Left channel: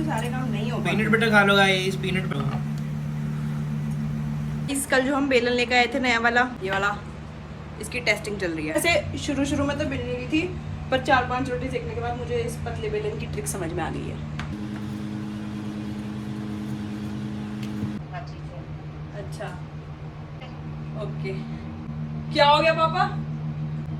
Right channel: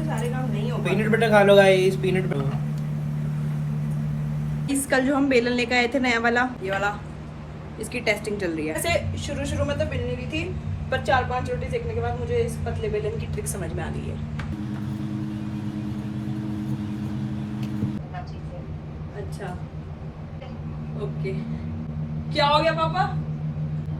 से सारे काम नहीं हो पाते। पीनट बटर खा लो गाइस, पीनट बटर। इस कल जो हम बेलन लेकर आए थे नया वाला, ये वाला, इसकी टेस्टिंग चल रही है। वैसे शुरू में तो बेल रही थी, पर 4-5 रोटी सेकने के बाद मुझे इस पतले बेलन की ट्रिक समझ में आ गई है। अच्छा, ओके। क्या हो गया पापा?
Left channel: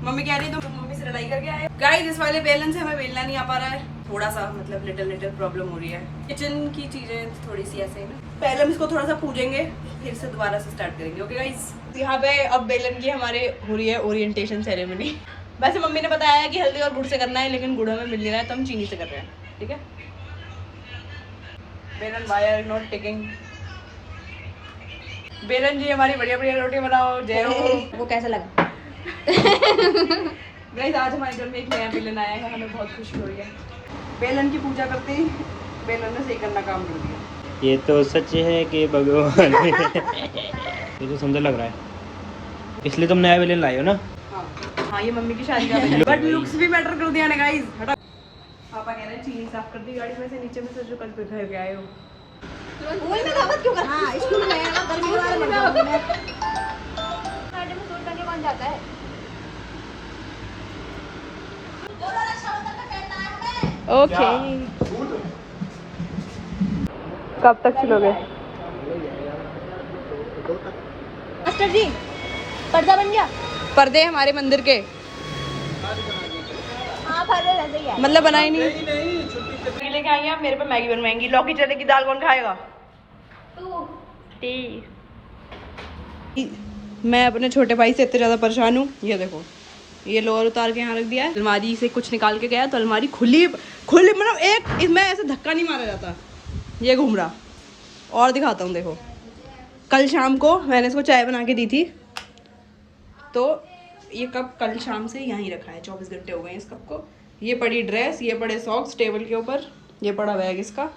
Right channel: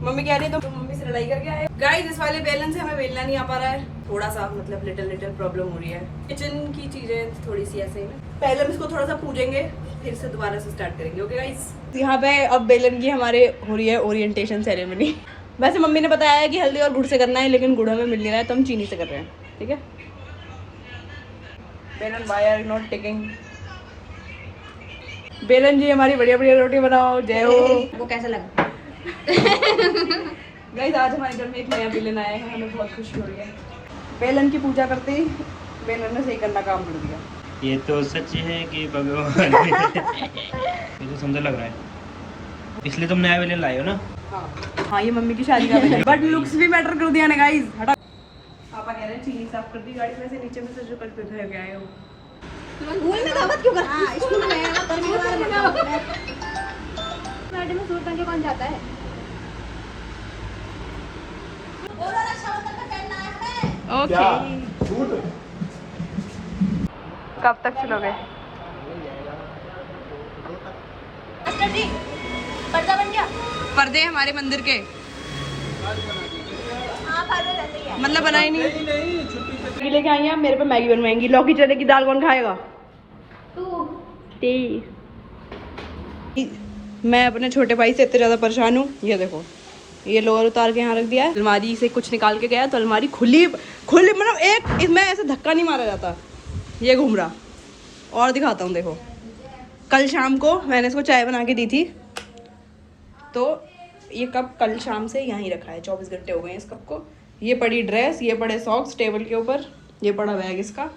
मम्मी कह रही है तो मम्मी से लड़ाई करके आए। गाइस इस वाले बेलन से हमें बेलना नहीं आ पा रहा है, थोड़ा सा मतलब लिटिल प्रॉब्लम हो रही है। किचन की चीजें थोड़ी सी ऐसे ही ना, पहले हम इसको थोड़ा सा पूजेंगे, फिर से दोबारा से स्टार्ट करेंगे। ओके गाइस, यहाँ पे अब बेलन की हमारे हो रही है ओरिएंटेशन सेरेमनी। वैसे मम्मी ने बताया है कि हल्दी और गुड़ से करना है, लेकिन गुड़ में मिल जाएगा तो हम चीनी से कर रहे हैं। ठीक है, बेलन व्हाई आर नॉट टेकिंग। बेलन जी हमारी बढ़िया बढ़िया रोटी बनाओ, जय हो। वो कैसा लगा? गाइस आज हमारे घर में एक नया बेलन आया है, हमें बहुत खुशी हो रही है। बेलन की पूजा करते ही बेलन ने सही करना काम कर दिया। ये तो सच है कि भगवान ये तो सुंदर लग रहा है, इसलिए तुम नया बेलन लाए हो ना? हाँ ये मम्मी की शादी का बट लुक्स भी मैटर कर दिया ना गाइस। हटा, पापा कह रहे हैं चीनी साफ कर दी गाड़ी में से, नीचे में से जो कल घर के आए हो। वही भी गलत क्यों कर? हां स्कूल में है, परिवार में कौन जाता है? ओके, कब तक चलोगे? मास्टर जी पर्दा बन गया। पर्दे हमारे मंदिर के मतलब बनाए नहीं मैगी लेके आई हैं। मेरे पे मैगी बनवाएंगी, लौकी चने की दाल कौन खाएगा? मैं अपने छोटे भाई से इतने ज्यादा परेशान हूँ। ये देखो, ये लोअर उतार के यहाँ रख दिया है। अलमारी से कुछ निकाल के गया तो अलमारी खुली मतलब एक इसमें ऐसे धक्का नहीं मारा जाता, ये घूम रहा। और दिखाता हूँ, देखो कल शाम को मैंने इसको चाय बना के दी थी, तो ये कप कल शाम से यहीं रखा है। 24 घंटे हो गए हैं इस कप को। ये पड़ी ड्रेस, ये पड़े सॉक्स टेबल के ऊपर, ये पड़ा बैग इसका।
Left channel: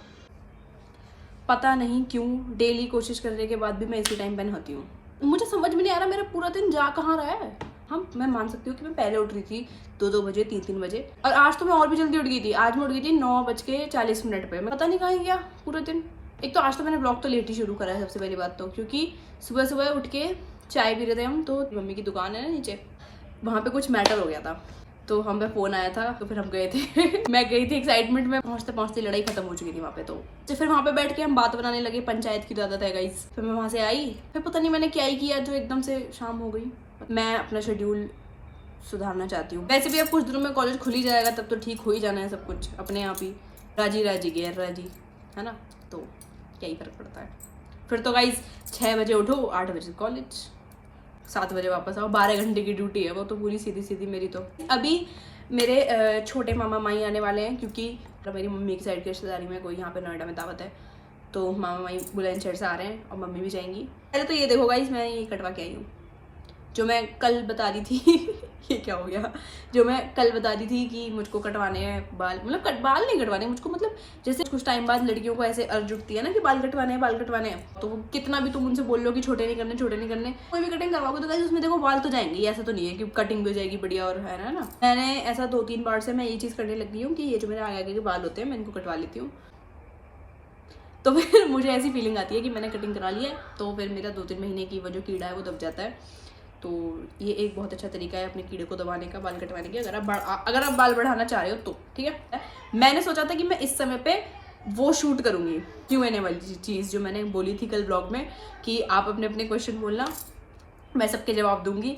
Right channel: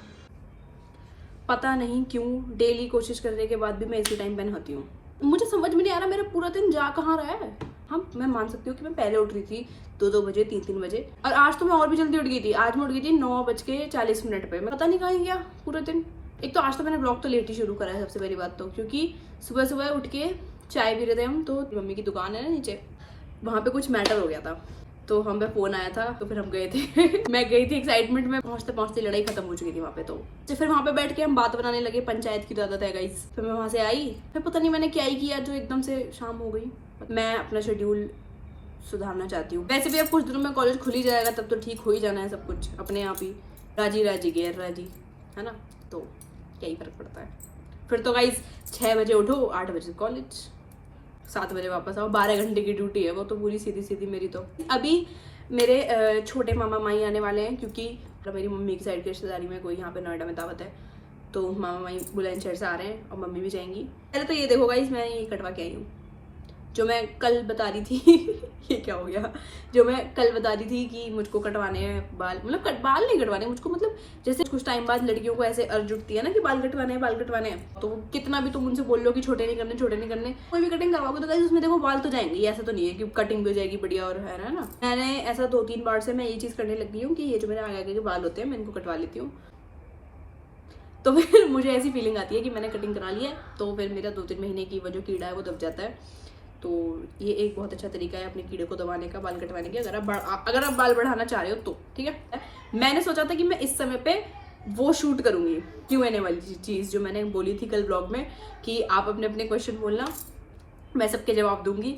पता नहीं क्यों डेली कोशिश करने के बाद भी मैं इसी टाइम पे नहाती हूँ। मुझे समझ में नहीं आ रहा मेरा पूरा दिन जा कहाँ रहा है। हम मैं मान सकती हूँ कि मैं पहले उठ रही थी 2-2 बजे 3-3 बजे, और आज तो मैं और भी जल्दी उठ गई थी। आज मैं उठ गई थी 9:40 पे। मैं पता नहीं कहाँ गया पूरा दिन। एक तो आज तो मैंने ब्लॉग तो लेट ही शुरू करा है सबसे पहली बात तो, क्योंकि सुबह सुबह उठ के चाय पी रहे थे हम, तो मम्मी की दुकान है ना नीचे, वहाँ पे कुछ मैटर हो गया था, तो हम पे फोन आया था, तो फिर हम गए थे। मैं गई थी एक्साइटमेंट में, पहुँचते पहुँचते लड़ाई खत्म हो चुकी थी वहाँ पे। तो फिर वहाँ पे बैठ के हम बात बनाने लगे, पंचायत की आदत है गाइस। फिर मैं वहाँ से आई, फिर पता नहीं मैंने क्या ही किया जो एकदम से शाम हो गई। मैं अपना शेड्यूल सुधारना चाहती हूँ। वैसे भी अब कुछ दिनों में कॉलेज खुल ही जाएगा, तब तो ठीक हो ही जाना है सब कुछ अपने आप ही, राजी राजी गैर राजी, है ना, तो क्या ही फर्क पड़ता है। फिर तो गाइस 6 बजे उठो, 8 बजे कॉलेज, 7 बजे वापस आओ। 12 घंटे की ड्यूटी है वो तो पूरी सीधी सीधी मेरी। तो अभी मेरे छोटे मामा माई आने वाले हैं, क्योंकि मेरी मम्मी की साइड की रिश्तेदारी में कोई यहाँ पे नोएडा में दावत है, तो मामा माई बुलंदशहर से आ रहे हैं और मम्मी भी जाएंगी। पहले तो ये देखो गाइस, मैं ये कटवा के आई हूँ, जो मैं कल बता रही थी। ये क्या हो गया? जो मैं कल बता रही थी कि मुझको कटवाने हैं बाल, मतलब बाल नहीं कटवाने मुझको, मतलब जैसे कुछ टाइम बाद लड़कियों को ऐसे अर्ज उठती है ना कि बाल कटवाने हैं, तो कितना भी तुम उनसे बोल लो कि छोटे नहीं करने, कोई भी कटिंग करवाओगे तो गाइस उसमें देखो बाल तो जाएंगे। ऐसा तो नहीं है कि कटिंग भी हो जाएगी बढ़िया और है ना। मैंने ऐसा 2-3 बार से मैं ये चीज़ करने लगी हूँ कि ये जो मेरे आगे के बाल होते हैं मैं इनको कटवा लेती हूँ, तो फिर मुझे ऐसी फीलिंग आती है कि मैंने कटिंग करा ली है, तो फिर मेरा 2-3 महीने की वो जो कीड़ा है वो दब जाता है। तो ये एक बहुत अच्छा तरीका है अपने कीड़े को दबाने का, बाल कटवाने के, अगर आप बाल बढ़ाना चाह रहे हो तो। ठीक है, मैंने सोचा था कि मैं इस समय पे वो शूट करूंगी Q&A वाली चीज़ जो मैंने बोली थी कल ब्लॉग में, कि आप अपने अपने क्वेश्चन बोलना, मैं सबके जवाब दूंगी।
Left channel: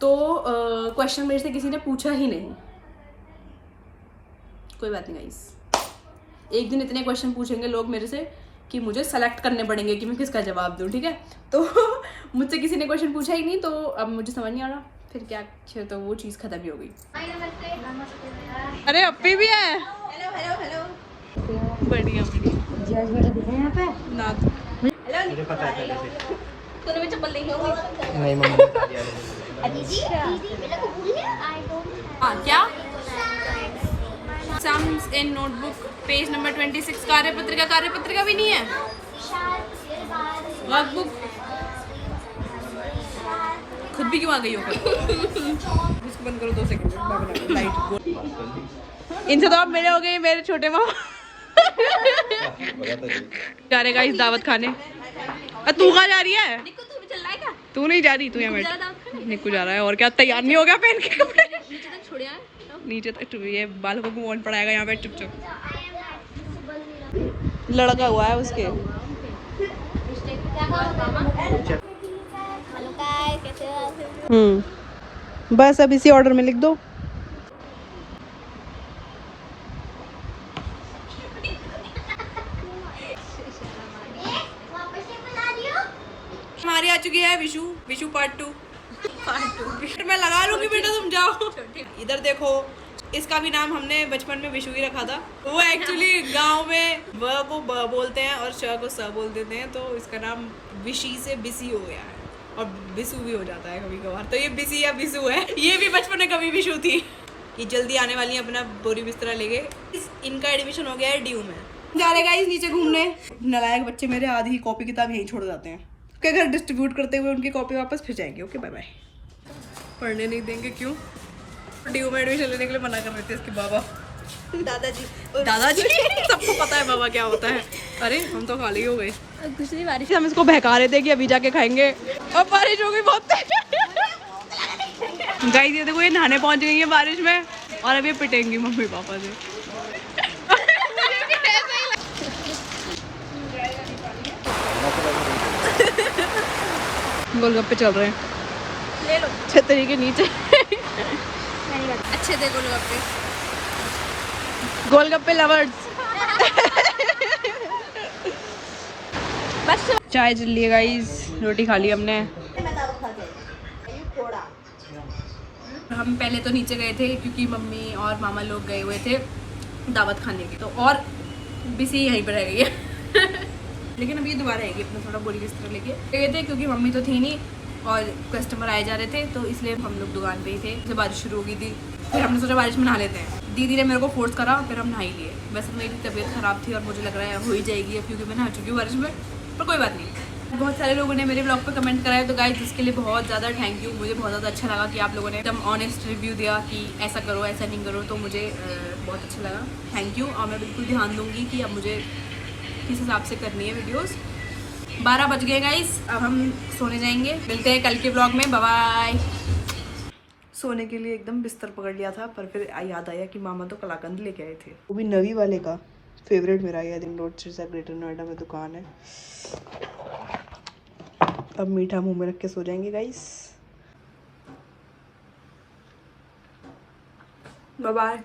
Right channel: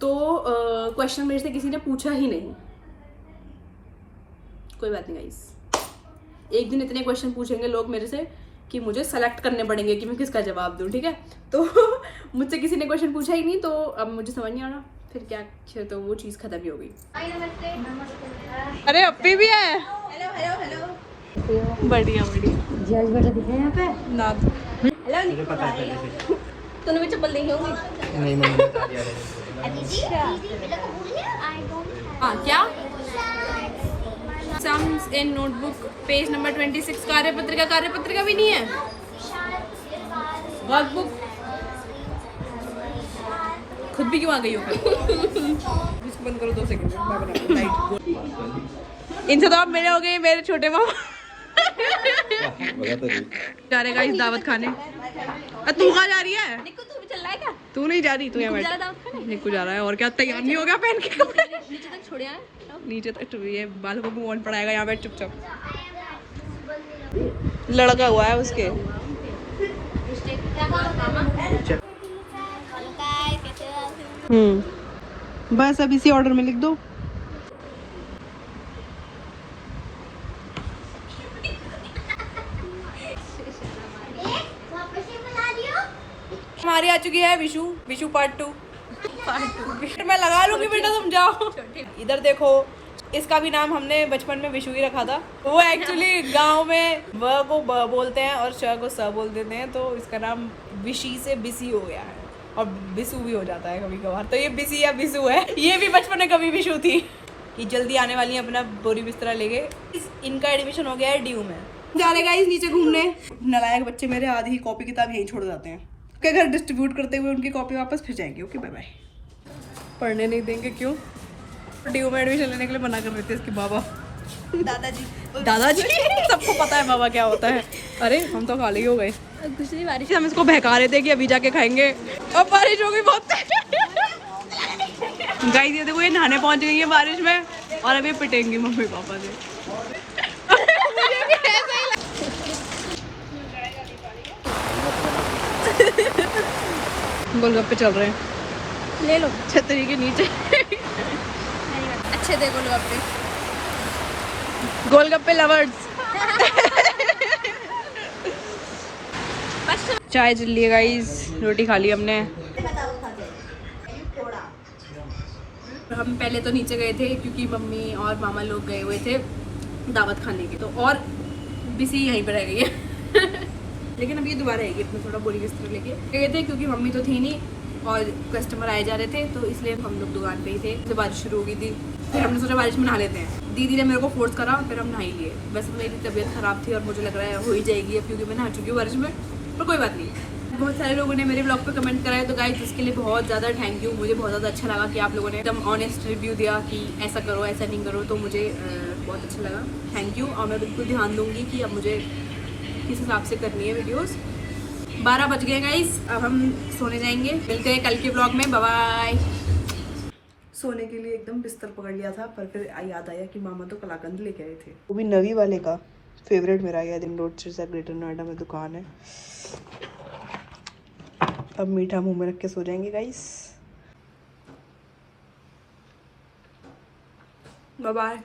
तो क्वेश्चन मेरे से किसी ने पूछा ही नहीं, कोई बात नहीं गाइस, एक दिन इतने क्वेश्चन पूछेंगे लोग मेरे से कि मुझे सेलेक्ट करने पड़ेंगे कि मैं किसका जवाब दूं। ठीक है, तो मुझसे किसी ने क्वेश्चन पूछा ही नहीं, तो अब मुझे समझ नहीं आ रहा फिर क्या, तो वो चीज़ खत्म ही हो गई। अरे अप्पी भी है। हेलो बढ़िया ना तूने भी चप्पल देखी होगी। अच्छा हाँ, क्या sums in notebook page number 26। कार्यपत्रिका भी नहीं है, वर्कबुक खुद भी क्यों आ गई हो? उसको बंद करो 2 सेकंड। इनसे तो आप मेरे हो गए, मेरे छोटे मामा। जा रहे गाइस दावत खाने। तू कहाँ जा रही है? निक्कू तू भी चल रहा है क्या? तू नहीं जा रही, तू यहाँ बैठ। निक्कू जा रहा है और क्या, तैयार नहीं हो गया पहन के कपड़े? नीचे तक छोड़े आए नीचे तक ये बालों को कौन पड़ाएगा, यहाँ बैठ चुपचाप। लड़का हुआ है उसके। बस अब इसी ऑर्डर में लिख दो। हमारी आ चुकी है विशु, विशु पार्ट 2। फिर मैं लगा लूंगी बेटा, तुम जाओ। इधर देखो, इसका भी नाम हमने बचपन में विशु ही रखा था। वो एक्चुअली गांव में व को ब बोलते हैं और श को स बोल देते हैं, तो इसका नाम विशी से बिसी हो गया है और बिसु भी हो जाता है कभी कभार। तो ये बिसी या बिसु है। ये भी बचपन में कभी विशु थी। ये जल्दी आने वाली है अपना बोरी बिस्तरा लेके। इनका एडमिशन हो गया है ड्यू में। जा रहे गाइस नीचे घूमने। नालायक बच्चे मेरे आधी ही कॉपी किताब यहीं छोड़ जाते हैं। के घर डिस्ट्रीब्यूट करते हुए उनकी कॉपी वापस फिर जाएंगे। Okay bye bye. पढ़ने नहीं देंगे क्यों? ड्यू में एडमिशन लेने के लिए मना कर रहे थे इसके बाबा। दादाजी दादाजी सबको पता है बाबा क्या होता है। अरे हम तो खाली हो गए। दूसरी बारिश हम इसको बहका रहे थे कि अभी जाके खाएंगे, अब बारिश हो गई बहुत। गाइस ये देखो, ये नहाने पहुंच गई है बारिश में और अभी पिटेंगी मम्मी पापा से। गोलगप्पे चल रहे हैं, ले लो छतरी के नीचे। अच्छे दे गोलगप्पे। गोलगप्पे लवर्स। चाय चल रही है गाइस, रोटी खा ली हमने। हम पहले तो नीचे गए थे क्योंकि मम्मी और मामा लोग गए हुए थे दावत खाने के, तो और बिसी यहीं पर रह गई है। लेकिन अब ये दोबारा आएगी अपना थोड़ा बोरी बिस्तर लेके गए थे क्योंकि मम्मी तो थी नहीं और कस्टमर आए जा रहे थे, तो इसलिए हम लोग दुकान पे ही थे। फिर बारिश शुरू हो गई थी, फिर हमने सोचा बारिश में नहा लेते हैं। दीदी ने मेरे को फोर्स करा, फिर हम नहा ही लिए। वैसे मेरी तबीयत खराब थी और मुझे लग रहा है हो ही जाएगी अब, क्योंकि मैं नहा चुकी हूँ बारिश में, पर कोई बात नहीं। बहुत सारे लोगों ने मेरे ब्लॉग पर कमेंट कराया, तो गाइस जिसके लिए बहुत ज़्यादा थैंक यू। मुझे बहुत ज़्यादा अच्छा लगा कि आप लोगों ने एकदम ऑनेस्ट रिव्यू दिया कि ऐसा करो ऐसा नहीं करो, तो मुझे बहुत अच्छा लगा। Thank you. और मैं बिल्कुल ध्यान दूँगी कि अब मुझे किस हिसाब से करनी है वीडियोज़। 12 बज गए गाइस, अब हम सोने जाएंगे। मिलते हैं कल के ब्लॉग में, बाय बाय। सोने के लिए एकदम बिस्तर पकड़ लिया था, पर फिर याद आया कि मामा तो कलाकंद लेके आए थे, वो भी नवी वाले का। फेवरेट मेरा ये दिन रोड से ग्रेटर नोएडा में दुकान है। अब मीठा मुंह में रख के सो जाएंगे गाइस। Bye bye.